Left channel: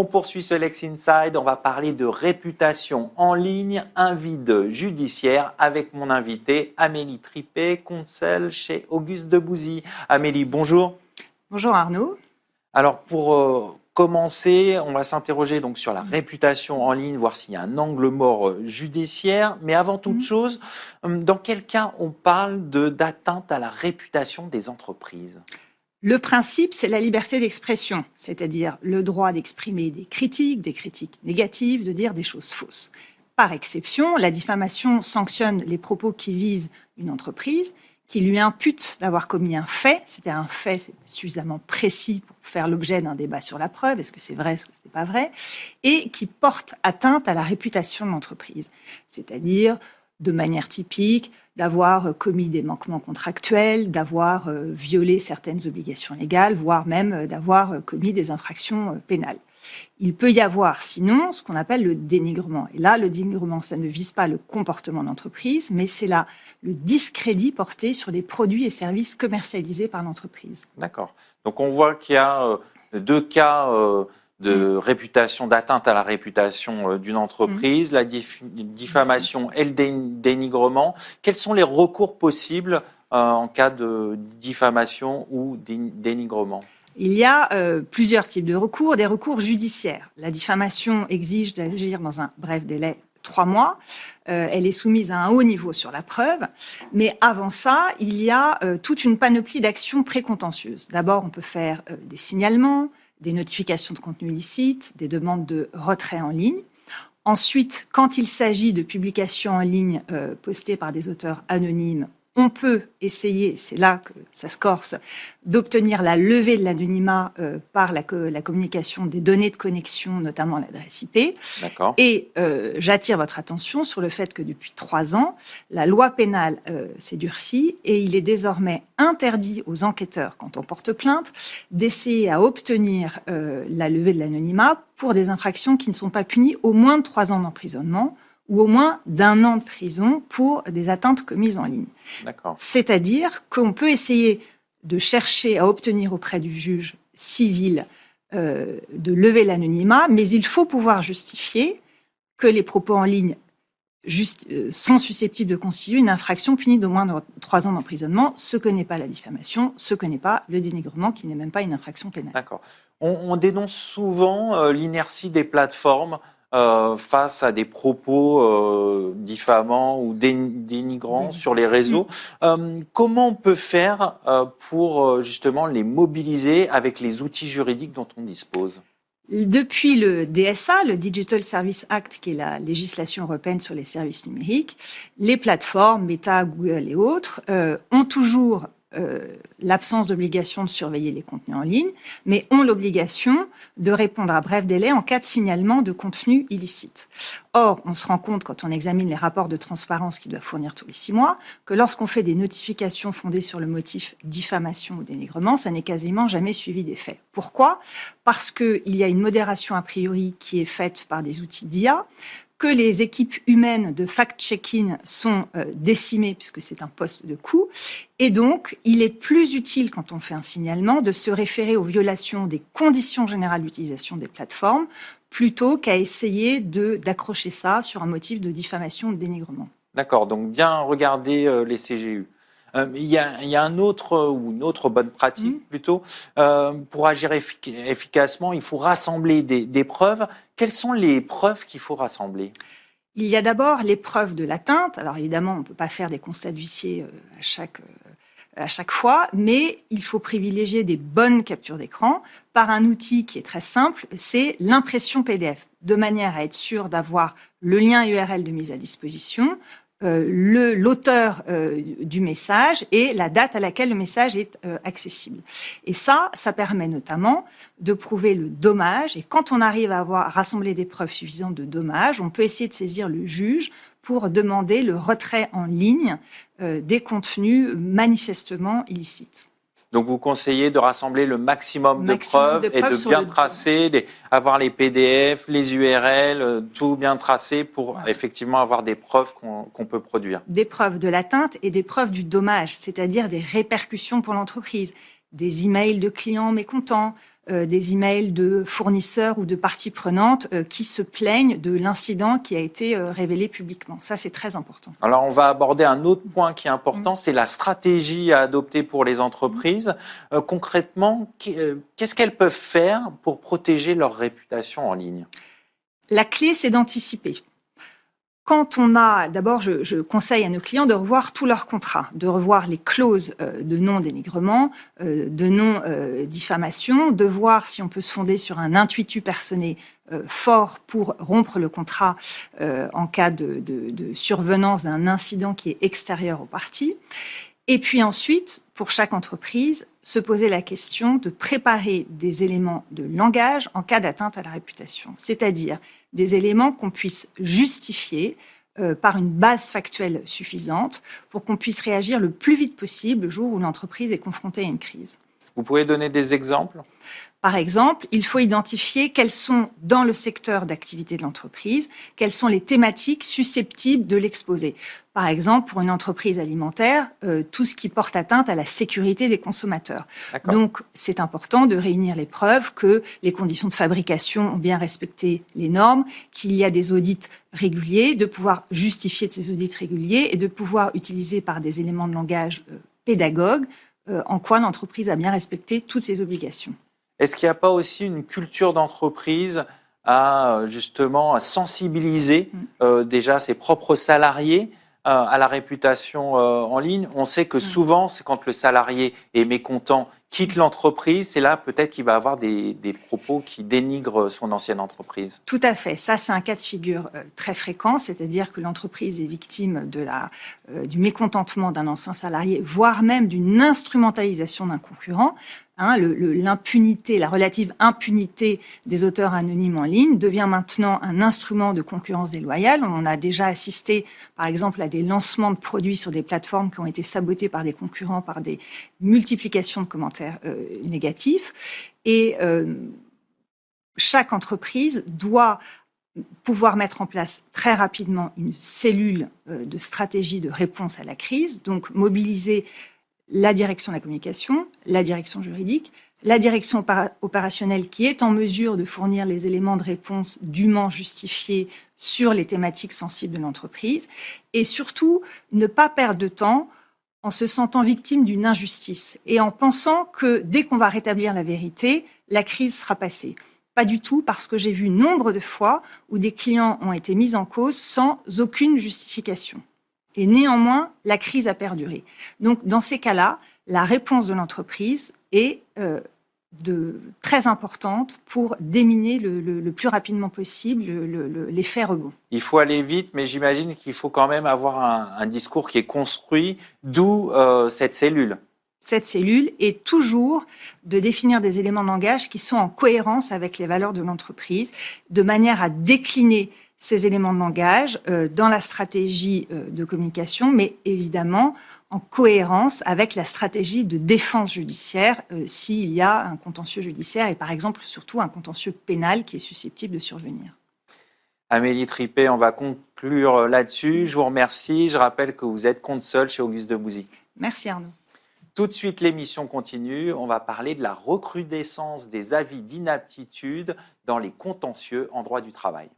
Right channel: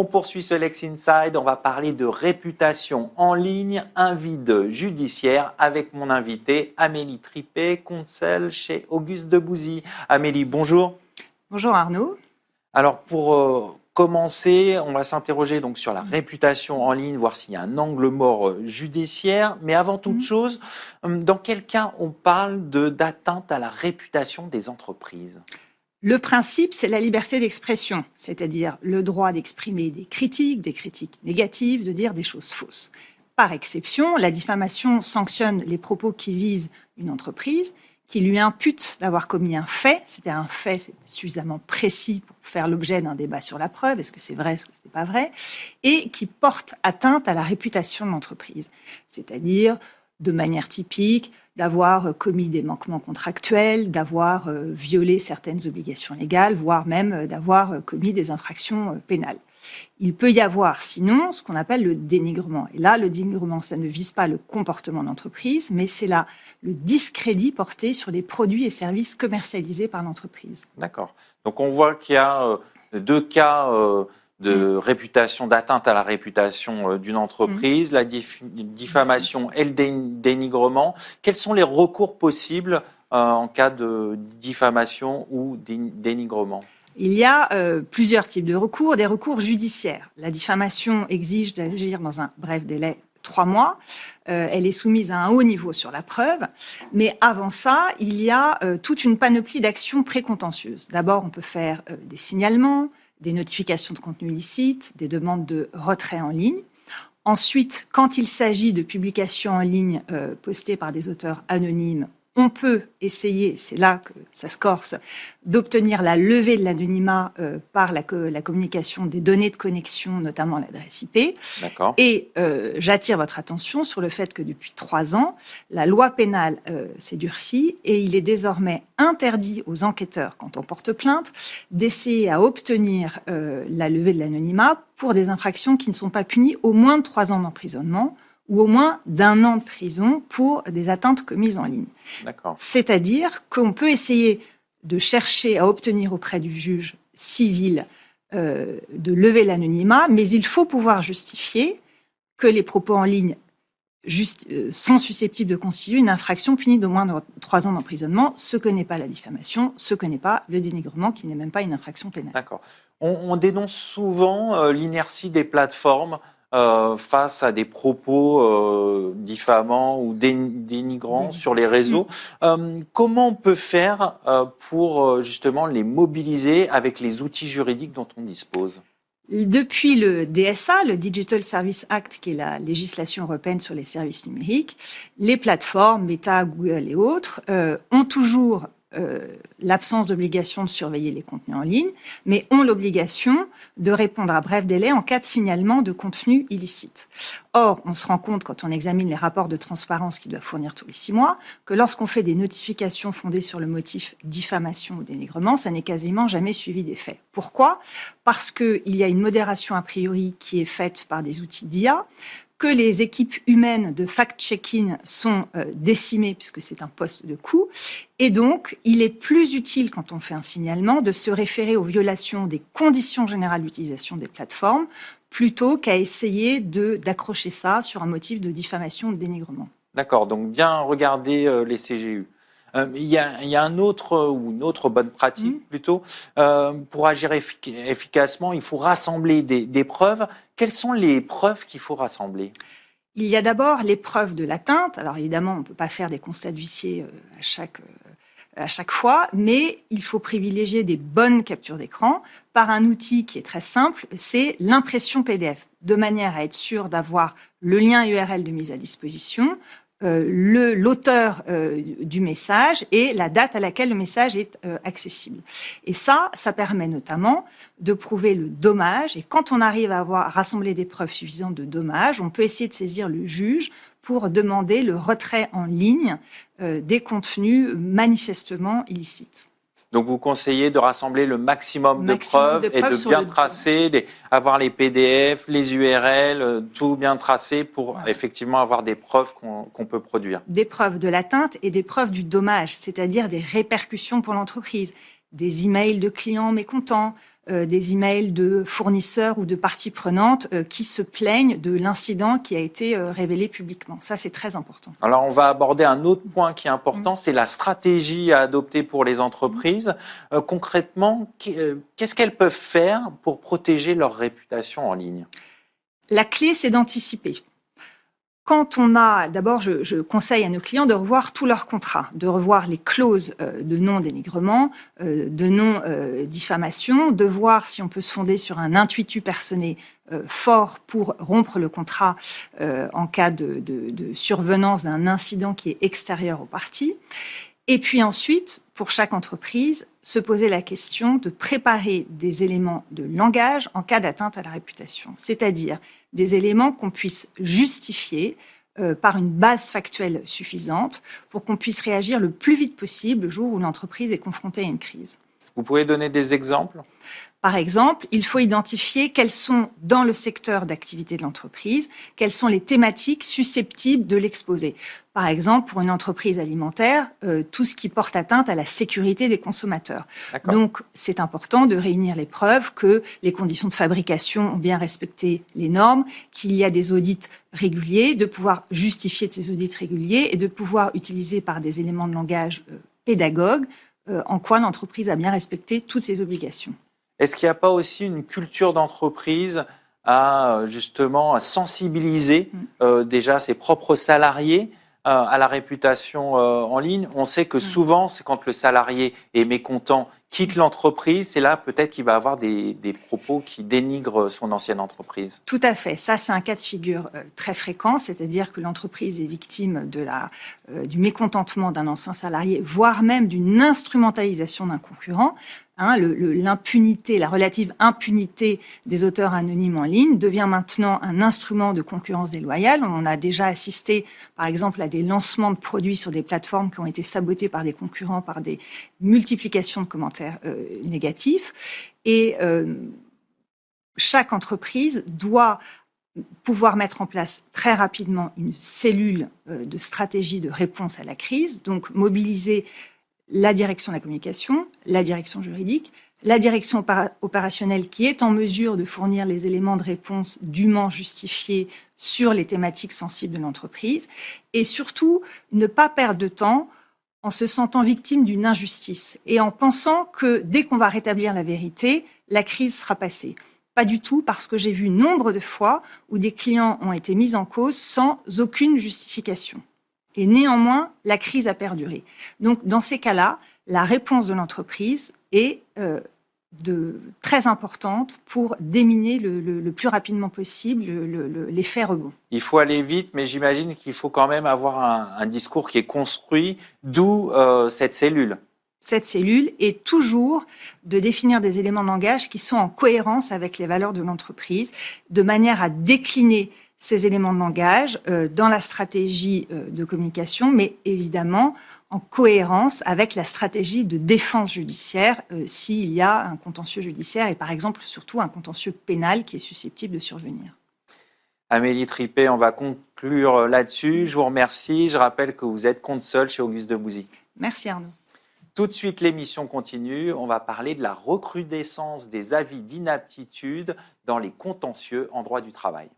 On poursuit ce Lex Inside, on va parler de réputation en ligne, un vide judiciaire avec mon invité Amélie Tripet, conseil chez Auguste Debouzy. Amélie, bonjour. Bonjour Arnaud. Alors pour commencer, on va s'interroger donc sur la réputation en ligne, voir s'il y a un angle mort judiciaire. Mais avant toute chose, dans quel cas on parle d'atteinte à la réputation des entreprises ? Le principe, c'est la liberté d'expression, c'est-à-dire le droit d'exprimer des critiques négatives, de dire des choses fausses. Par exception, la diffamation sanctionne les propos qui visent une entreprise, qui lui imputent d'avoir commis un fait, c'est-à-dire un fait c'est suffisamment précis pour faire l'objet d'un débat sur la preuve, est-ce que c'est vrai, est-ce que ce n'est pas vrai, et qui porte atteinte à la réputation de l'entreprise, c'est-à-dire de manière typique, d'avoir commis des manquements contractuels, d'avoir violé certaines obligations légales, voire même d'avoir commis des infractions pénales. Il peut y avoir sinon ce qu'on appelle le dénigrement. Et là, le dénigrement, ça ne vise pas le comportement de l'entreprise, mais c'est là le discrédit porté sur les produits et services commercialisés par l'entreprise. D'accord. Donc on voit qu'il y a deux cas de réputation, d'atteinte à la réputation d'une entreprise, la diffamation et le dénigrement. Quels sont les recours possibles en cas de diffamation ou dénigrement ? Il y a plusieurs types de recours, des recours judiciaires. La diffamation exige d'agir dans un bref délai, 3 mois. Elle est soumise à un haut niveau sur la preuve. Mais avant ça, il y a toute une panoplie d'actions précontentieuses. D'abord, on peut faire des signalements, des notifications de contenu illicite, des demandes de retrait en ligne. Ensuite, quand il s'agit de publications en ligne postées par des auteurs anonymes, on peut essayer, c'est là que ça se corse, d'obtenir la levée de l'anonymat par la communication des données de connexion, notamment l'adresse IP. D'accord. Et j'attire votre attention sur le fait que depuis 3 ans, la loi pénale s'est durcie et il est désormais interdit aux enquêteurs, quand on porte plainte, d'essayer à obtenir la levée de l'anonymat pour des infractions qui ne sont pas punies au moins de 3 ans d'emprisonnement ou au moins d'1 an de prison pour des atteintes commises en ligne. D'accord. C'est-à-dire qu'on peut essayer de chercher à obtenir auprès du juge civil de lever l'anonymat, mais il faut pouvoir justifier que les propos en ligne sont susceptibles de constituer une infraction punie d'au moins de 3 ans d'emprisonnement, ce que n'est pas la diffamation, ce que n'est pas le dénigrement, qui n'est même pas une infraction pénale. D'accord. On dénonce souvent l'inertie des plateformes face à des propos diffamants ou dénigrants sur les réseaux. Comment on peut faire pour justement les mobiliser avec les outils juridiques dont on dispose ? Depuis le DSA, le Digital Service Act, qui est la législation européenne sur les services numériques, les plateformes, Meta, Google et autres, ont toujours l'absence d'obligation de surveiller les contenus en ligne, mais ont l'obligation de répondre à bref délai en cas de signalement de contenus illicites. Or, on se rend compte, quand on examine les rapports de transparence qu'ils doivent fournir tous les 6 mois, que lorsqu'on fait des notifications fondées sur le motif diffamation ou dénigrement, ça n'est quasiment jamais suivi des faits. Pourquoi ? Parce qu'il y a une modération a priori qui est faite par des outils d'IA, que les équipes humaines de fact-checking sont décimées puisque c'est un poste de coût. Et donc, il est plus utile, quand on fait un signalement, de se référer aux violations des conditions générales d'utilisation des plateformes plutôt qu'à essayer d'accrocher ça sur un motif de diffamation ou de dénigrement. D'accord, donc bien regarder les CGU. Il y a un autre ou une autre bonne pratique plutôt. Pour agir efficacement, il faut rassembler des preuves. Quelles sont les preuves qu'il faut rassembler ? Il y a d'abord les preuves de l'atteinte. Alors évidemment, on ne peut pas faire des constats d'huissier à chaque fois, mais il faut privilégier des bonnes captures d'écran par un outil qui est très simple, c'est l'impression PDF, de manière à être sûr d'avoir le lien URL de mise à disposition, l'auteur du message et la date à laquelle le message est accessible. Et ça permet notamment de prouver le dommage. Et quand on arrive à rassembler des preuves suffisantes de dommage, on peut essayer de saisir le juge pour demander le retrait en ligne des contenus manifestement illicites. Donc vous conseillez de rassembler le maximum de preuves et de bien tracer, avoir les PDF, les URL, tout bien tracé pour effectivement avoir des preuves qu'on peut produire. Des preuves de l'atteinte et des preuves du dommage, c'est-à-dire des répercussions pour l'entreprise, des emails de clients mécontents, des emails de fournisseurs ou de parties prenantes qui se plaignent de l'incident qui a été révélé publiquement. Ça, c'est très important. Alors, on va aborder un autre point qui est important, c'est la stratégie à adopter pour les entreprises. Concrètement, qu'est-ce qu'elles peuvent faire pour protéger leur réputation en ligne? La clé, c'est d'anticiper. Quand d'abord, je conseille à nos clients de revoir tous leurs contrats, de revoir les clauses de non-dénigrement, de non-diffamation, de voir si on peut se fonder sur un intuitu personné fort pour rompre le contrat en cas de survenance d'un incident qui est extérieur aux parties. Et puis ensuite, pour chaque entreprise, se poser la question de préparer des éléments de langage en cas d'atteinte à la réputation, c'est-à-dire des éléments qu'on puisse justifier par une base factuelle suffisante pour qu'on puisse réagir le plus vite possible le jour où l'entreprise est confrontée à une crise. Vous pouvez donner des exemples? Par exemple, il faut identifier quelles sont, dans le secteur d'activité de l'entreprise, quelles sont les thématiques susceptibles de l'exposer. Par exemple, pour une entreprise alimentaire, tout ce qui porte atteinte à la sécurité des consommateurs. D'accord. Donc, c'est important de réunir les preuves que les conditions de fabrication ont bien respecté les normes, qu'il y a des audits réguliers, de pouvoir justifier de ces audits réguliers et de pouvoir utiliser par des éléments de langage pédagogues en quoi l'entreprise a bien respecté toutes ses obligations. Est-ce qu'il n'y a pas aussi une culture d'entreprise à justement à sensibiliser déjà ses propres salariés à la réputation en ligne? On sait que souvent, c'est quand le salarié est mécontent, quitte l'entreprise, c'est là peut-être qu'il va avoir des propos qui dénigrent son ancienne entreprise. Tout à fait. Ça, c'est un cas de figure très fréquent, c'est-à-dire que l'entreprise est victime du mécontentement d'un ancien salarié, voire même d'une instrumentalisation d'un concurrent. L'impunité, la relative impunité des auteurs anonymes en ligne devient maintenant un instrument de concurrence déloyale. On a déjà assisté, par exemple, à des lancements de produits sur des plateformes qui ont été sabotés par des concurrents, par des multiplications de commentaires négatifs. Et chaque entreprise doit pouvoir mettre en place très rapidement une cellule de stratégie de réponse à la crise, donc mobiliser la direction de la communication, la direction juridique, la direction opérationnelle qui est en mesure de fournir les éléments de réponse dûment justifiés sur les thématiques sensibles de l'entreprise, et surtout ne pas perdre de temps en se sentant victime d'une injustice et en pensant que dès qu'on va rétablir la vérité, la crise sera passée. Pas du tout, parce que j'ai vu nombre de fois où des clients ont été mis en cause sans aucune justification. Et néanmoins, la crise a perduré. Donc, dans ces cas-là, la réponse de l'entreprise est très importante pour déminer le plus rapidement possible l'effet rebond. Il faut aller vite, mais j'imagine qu'il faut quand même avoir un discours qui est construit, d'où cette cellule. Cette cellule est toujours de définir des éléments de langage qui sont en cohérence avec les valeurs de l'entreprise, de manière à décliner ces éléments de langage dans la stratégie de communication, mais évidemment en cohérence avec la stratégie de défense judiciaire s'il y a un contentieux judiciaire et par exemple surtout un contentieux pénal qui est susceptible de survenir. Amélie Tripet, on va conclure là-dessus. Je vous remercie. Je rappelle que vous êtes consul chez Auguste Debouzy. Merci Arnaud. Tout de suite, l'émission continue. On va parler de la recrudescence des avis d'inaptitude dans les contentieux en droit du travail.